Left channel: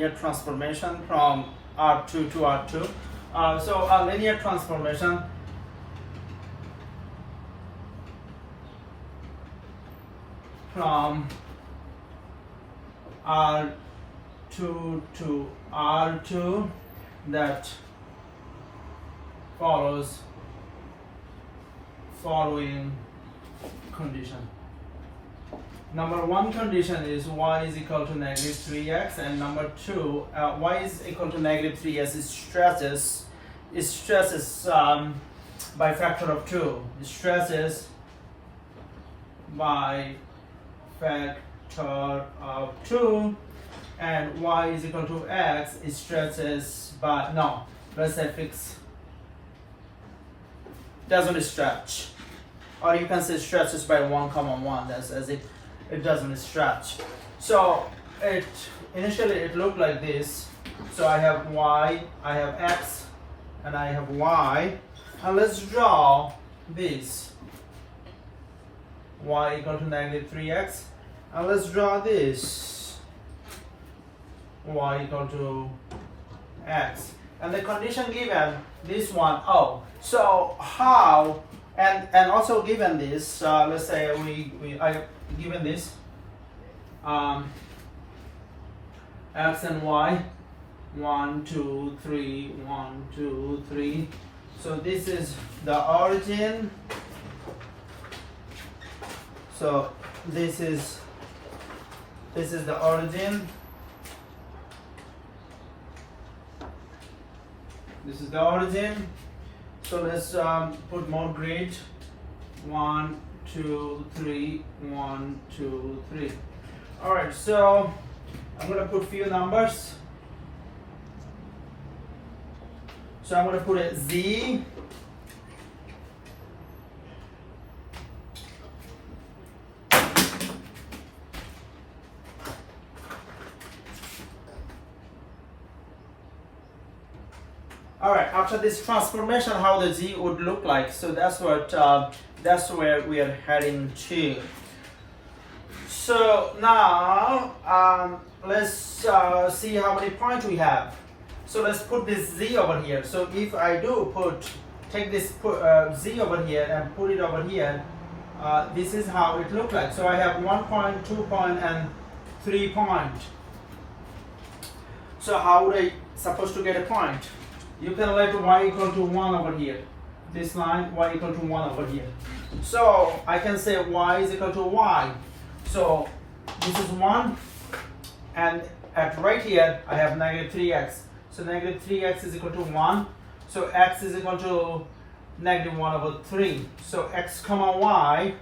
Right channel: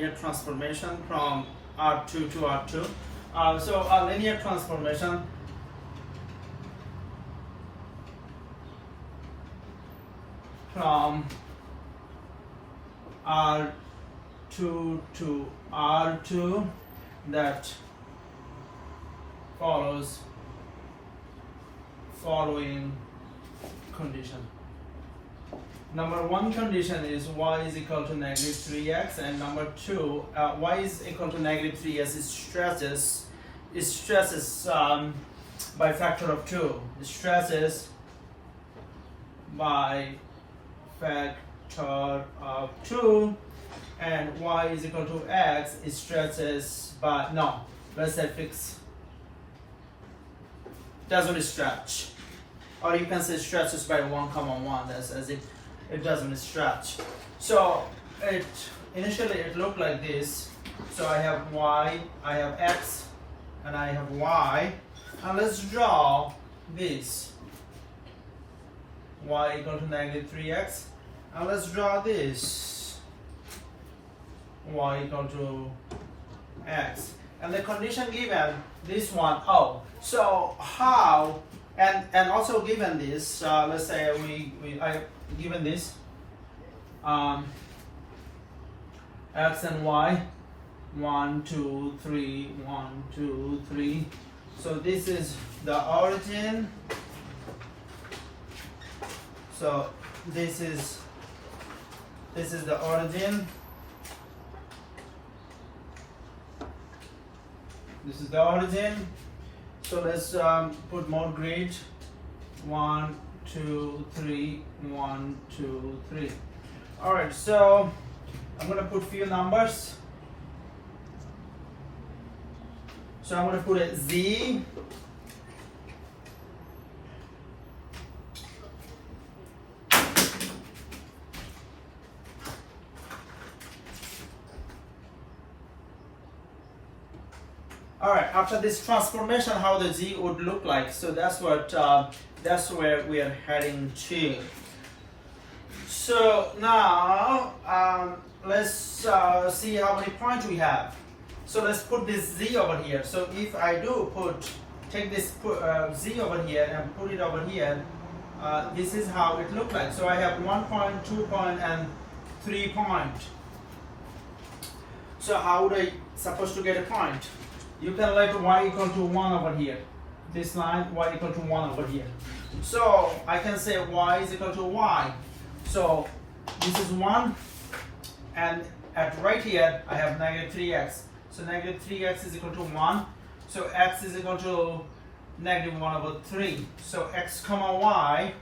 linear transformation from R2 to R2. So a linear transformation from R2 to R2 that follows following condition. Number one condition is y is equal to negative 3x, and number two, y is equal to negative 3x. It stresses by factor of 2. It stresses by factor of 2, and y is equal to x. It stresses by, no, let's say fix, doesn't stretch, or you can say stretches by 1 comma 1. That's as it doesn't stretch. So it initially it looked like this. So I have y, I have x, and I have y, and let's draw this y equal to negative 3x, and let's draw this y equal to x, and the condition given this one, oh, so how, and also given this, let's say I have given this x and y, 1 2 3 1 2 3. So this is the origin, so this is the origin, this is the origin. So let's put more grid, 1 2 3 1 2 3. All right, so I'm going to put few numbers. So I'm going to put a z, all right, after this transformation, how the z would look like. So that's what that's where we are heading to. So now let's see how many points we have. So let's put this z over here. So if I do take this z over here and put it over here, this is how it looks like. So I have 1 point, 2 point, and 3 point. So how would I supposed to get a point? You can let y equal to 1 over here. This line, y equal to 1 over here. So I can say y is equal to y. So this is 1, and at right here I have negative 3x. So negative 3x is equal to 1. So x is equal to negative 1 over 3. So x comma y,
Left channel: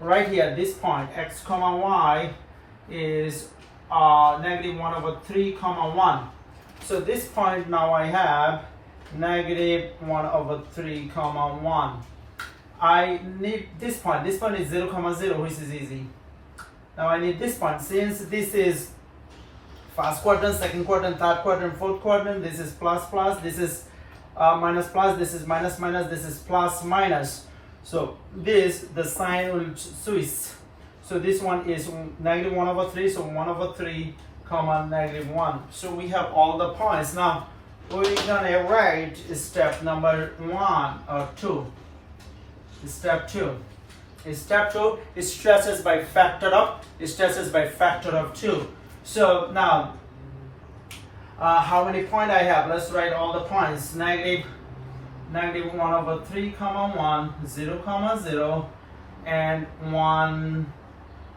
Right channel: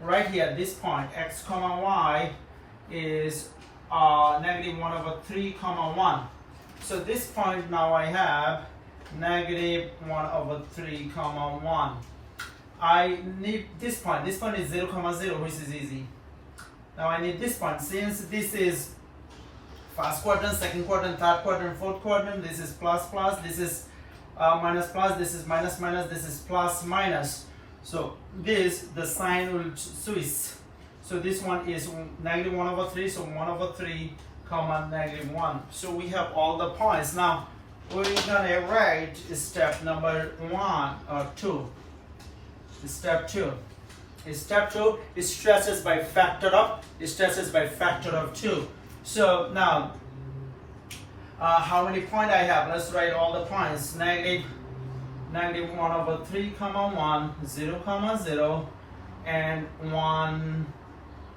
right here, this point, x comma y is negative 1 over 3 comma 1. So this point now I have negative 1 over 3 comma 1. I need this point. This point is 0 comma 0, which is easy. Now I need this point. Since this is first quadrant, second quadrant, third quadrant, fourth quadrant, this is plus plus, this is minus plus, this is minus minus, this is plus minus. So this, the sign will switch. So this one is negative 1 over 3, so 1 over 3 comma negative 1. So we have all the points. Now we're gonna write step number 1 or 2. Step 2. Step 2 is stresses by factor of 2. So now how many points I have? Let's write all the points. Negative 1 over 3 comma 1, 0 comma 0, and 1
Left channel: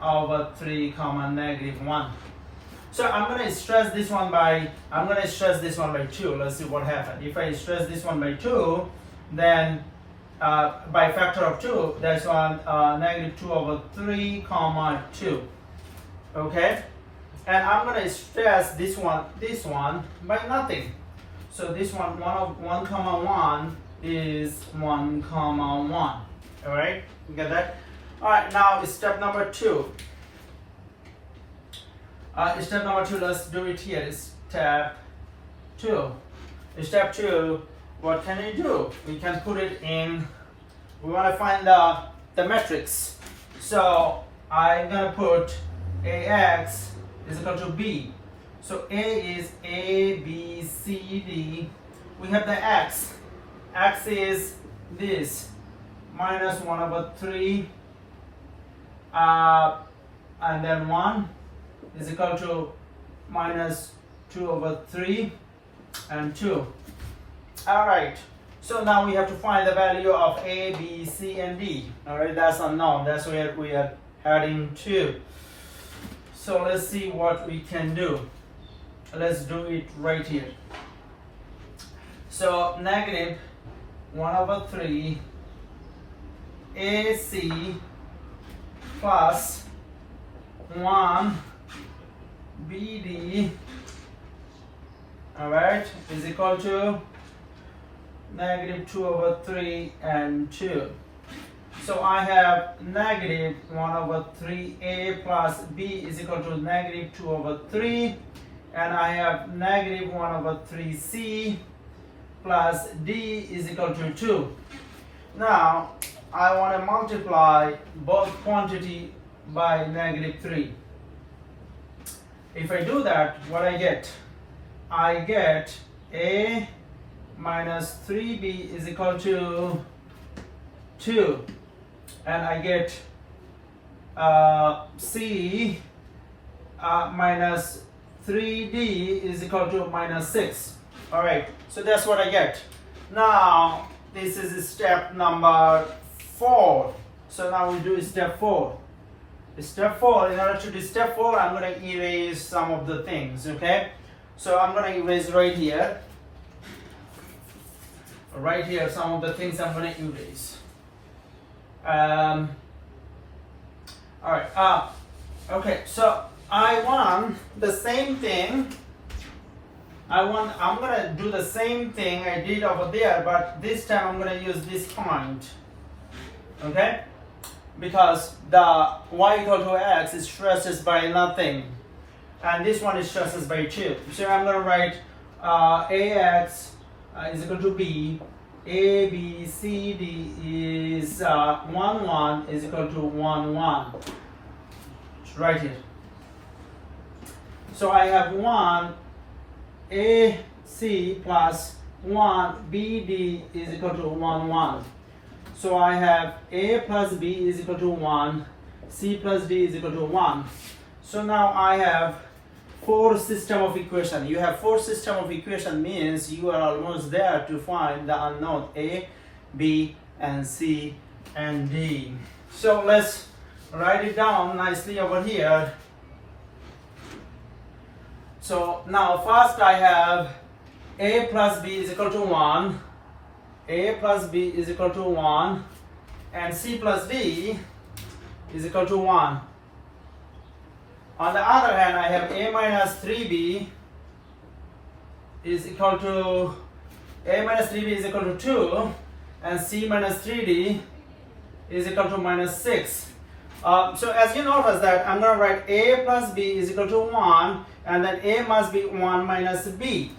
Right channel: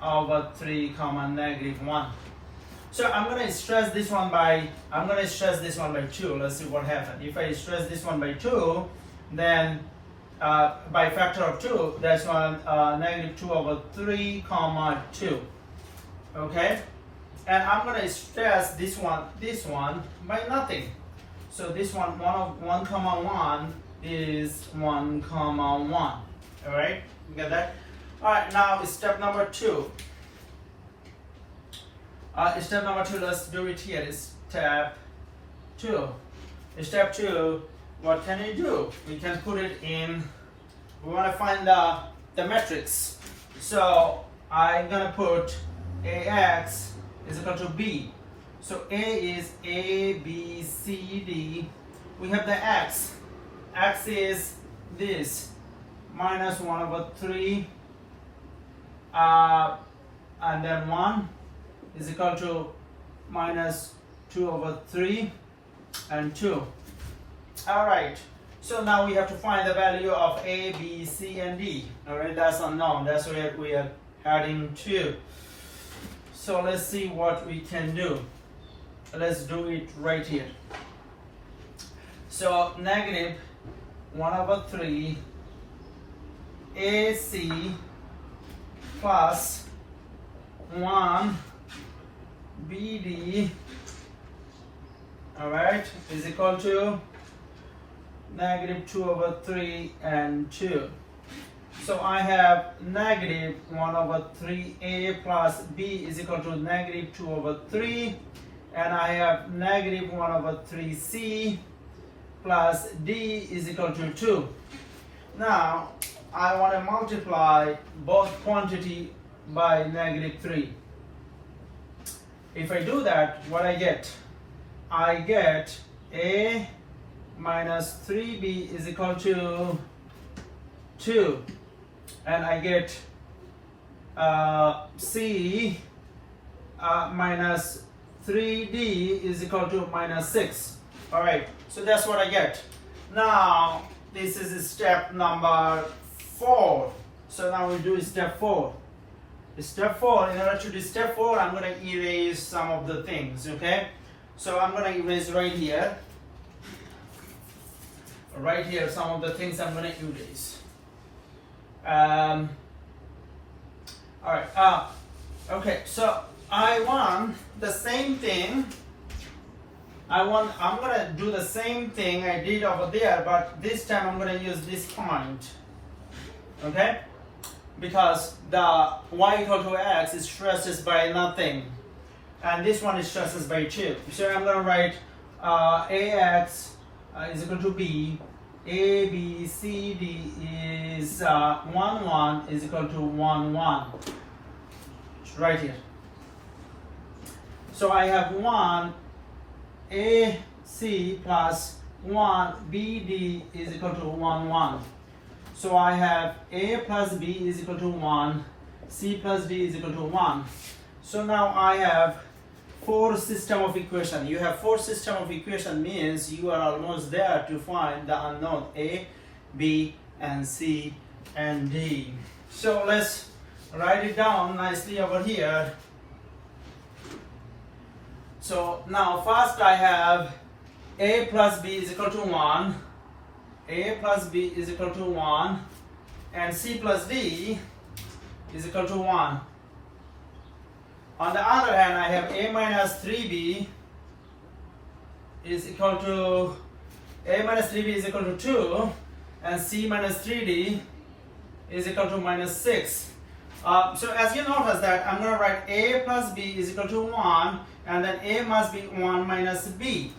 over 3 comma negative 1. So I'm going to stress this one by 2. Let's see what happens. If I stress this one by 2, then by factor of 2, that's one negative 2 over 3 comma 2. Okay, and I'm going to stress this one by nothing. So this one 1 comma 1 is 1 comma 1. All right, you get that? All right, now step number 2. Step number 2, let's do it here. Step 2. Step 2, what can you do? We can put it in, we want to find the matrix. So I'm going to put AX is equal to B. So A is A, B, C, D. We have the X. X is this, minus 1 over 3. And then 1 is equal to minus 2 over 3 and 2. Alright, so now we have to find the value of A, B, C, and D. Alright, that's unknown. That's where we are heading to. So let's see what we can do. Let's do it right here. So negative 1 over 3 AC plus 1 BD, alright, is equal to negative 2 over 3 and 2. So I have negative 1 over 3A plus B is equal to negative 2 over 3, and I have negative 1 over 3C plus D is equal to 2. Now I want to multiply both quantity by negative 3. If I do that, what I get? I get A minus 3B is equal to 2. And I get C minus 3D is equal to minus 6. Alright, so that's what I get. Now, this is step number 4. So now we do step 4. Step 4, in order to do step 4, I'm going to erase some of the things, okay? So I'm going to erase right here. Right here, some of the things I'm going to erase. Alright, okay, so I want the same thing. I'm going to do the same thing I did over there, but this time I'm going to use this point. Okay? Because the y equal to x is stresses by nothing, and this one is stresses by 2. So I'm going to write ax is equal to b, a, b, c, d is 1, 1 is equal to 1, 1. It's right here. So I have 1 a c plus 1 b d is equal to 1, 1. So I have A plus B is equal to 1, C plus D is equal to 1. So now I have 4 system of equation. You have 4 system of equation means you are almost there to find the unknown A, B, and C, and D. So let's write it down nicely over here. So now first I have A plus B is equal to 1. A plus B is equal to 1, and C plus D is equal to 1. On the other hand, I have A minus 3B is equal to A minus 3B is equal to 2, and C minus 3D is equal to minus 6. So as you notice that I'm going to write A plus B is equal to 1, and then A must be 1 minus B.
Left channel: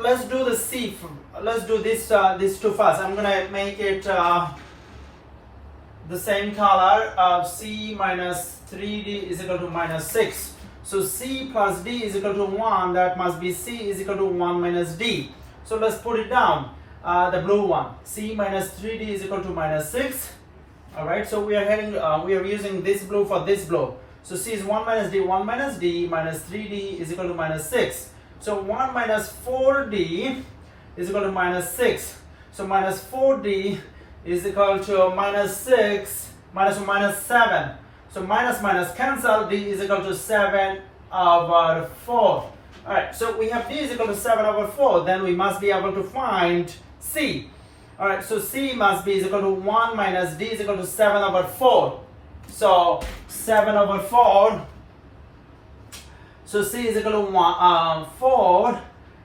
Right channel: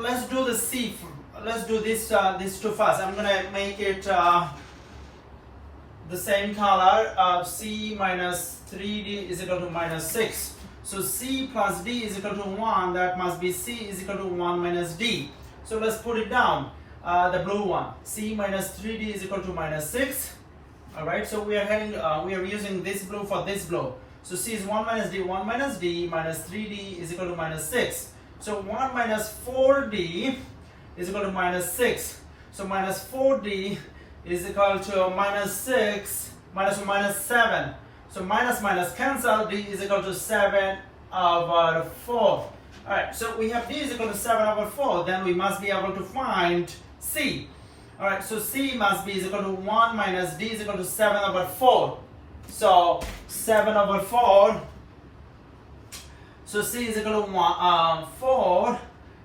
Let's do the C. Let's do this two first. I'm gonna make it the same color. C minus 3D is equal to minus 6. So C plus D is equal to 1. That must be C is equal to 1 minus D. So let's put it down. The blue one. C minus 3D is equal to minus 6. All right. So we are heading. We are using this blue for this blue. So C is 1 minus D. 1 minus D minus 3D is equal to minus 6. So 1 minus 4D is equal to minus 6. So minus 4D is equal to minus 6 minus 7. So minus cancel, D is equal to 7 over 4. Alright, so we have D is equal to 7 over 4. Then we must be able to find C. Alright, so C must be equal to 1 minus D is equal to 7 over 4. So 7 over 4. So C is equal to 4.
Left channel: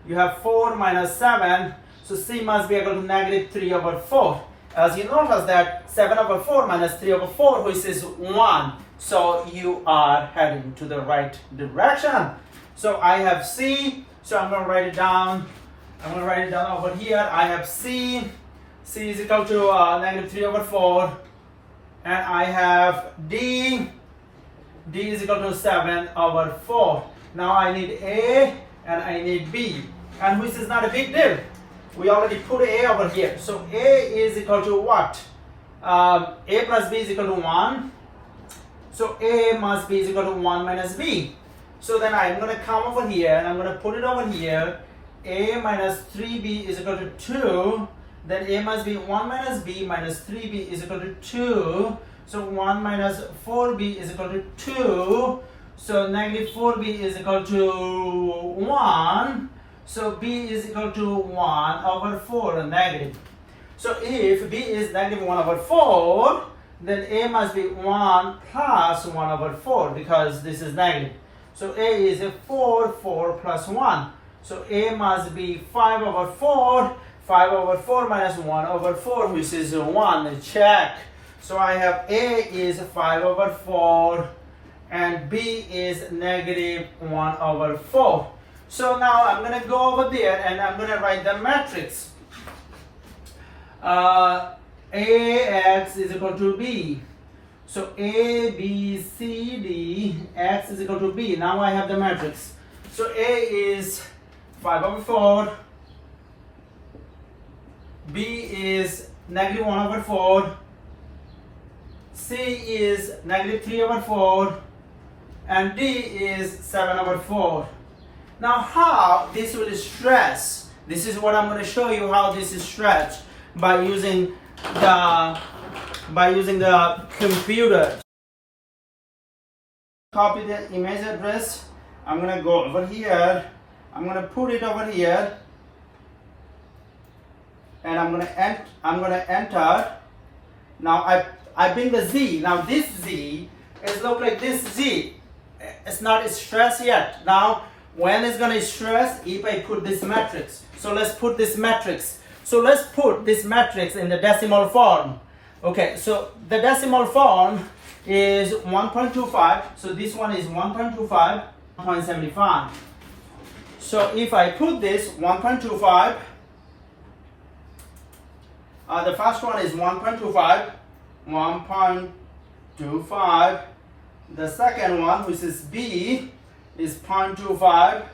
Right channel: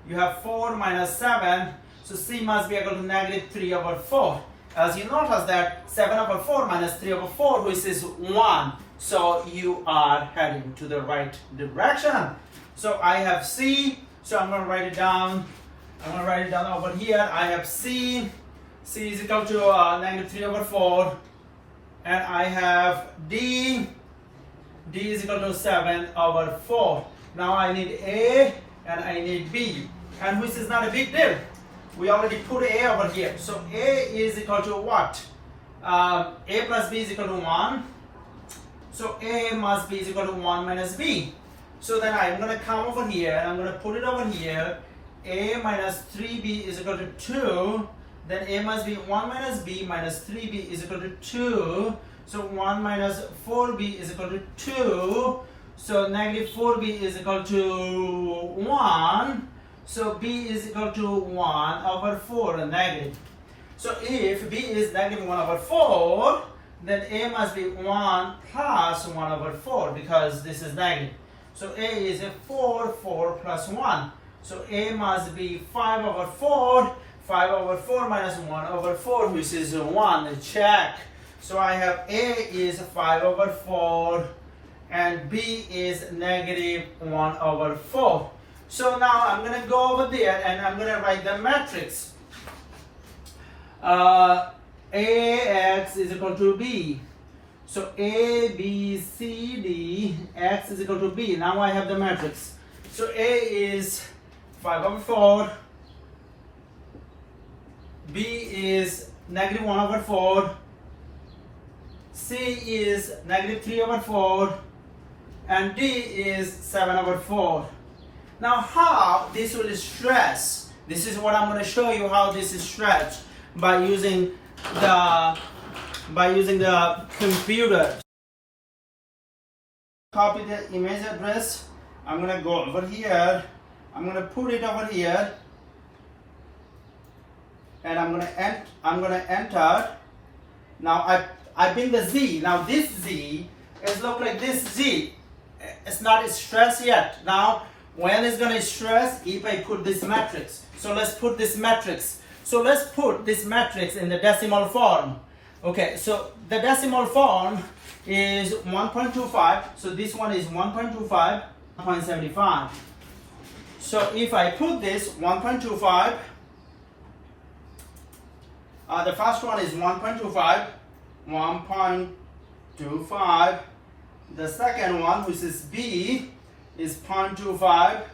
You have 4 minus 7. So C must be equal to negative 3 over 4. As you notice that 7 over 4 minus 3 over 4, which is 1. So you are heading to the right direction. So I have C. So I'm going to write it down. I'm going to write it down over here. I have C. C is equal to negative 3 over 4. And I have D. D is equal to 7 over 4. Now I need A and I need B, and which is not a big deal. We already put A over here. So A is equal to what? A plus B is equal to 1. So A must be is equal to 1 minus B. So then I'm going to come over here and I'm going to put it over here. A minus 3B is equal to 2. Then A must be 1 minus B minus 3B is equal to 2. So 1 minus 4B is equal to 2. So negative 4B is equal to 1. So B is equal to 1 over 4 negative. So if B is negative 1 over 4, then A must be 1 plus 1 over 4 because this is negative. So A is a 4, 4 plus 1. So A must be 5 over 4, 5 over 4 minus 1 over 4, which is 1. Check. So I have A is 5 over 4 and B is negative 1 over 4. So now I'm going to go over there and I'm going to write the matrix. AX is equal to B. So A, B, C, D, X is equal to B. Now I have the matrix. So A is 5 over 4. B is negative 1 over 4. C is negative 3 over 4. And D is 7 over 4. Now how this will stretch? This is what I'm going to show you how this is stretched by using the computer. Copy the image address. I'm going to go over here. I'm going to put it over here. And I'm going to enter. Now I bring the Z. Now this Z is look like this Z. It's not stressed yet. Now when it's going to stress if I put this matrix. So let's put this matrix. So let's put this matrix in the decimal form. Okay, so the decimal form is 1.25. So this one is 1.25, 1.75. So if I put this 1.25, the first one is 1.25, 1.25. The second one, which is B, is 0.25.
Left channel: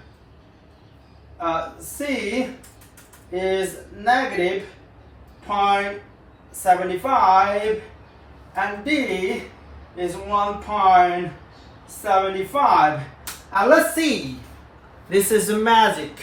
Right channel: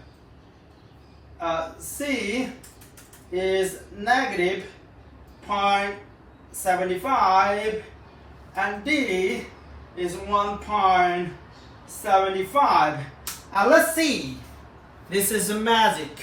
C is negative 0.75 and D is 1.75. And let's see, this is magic.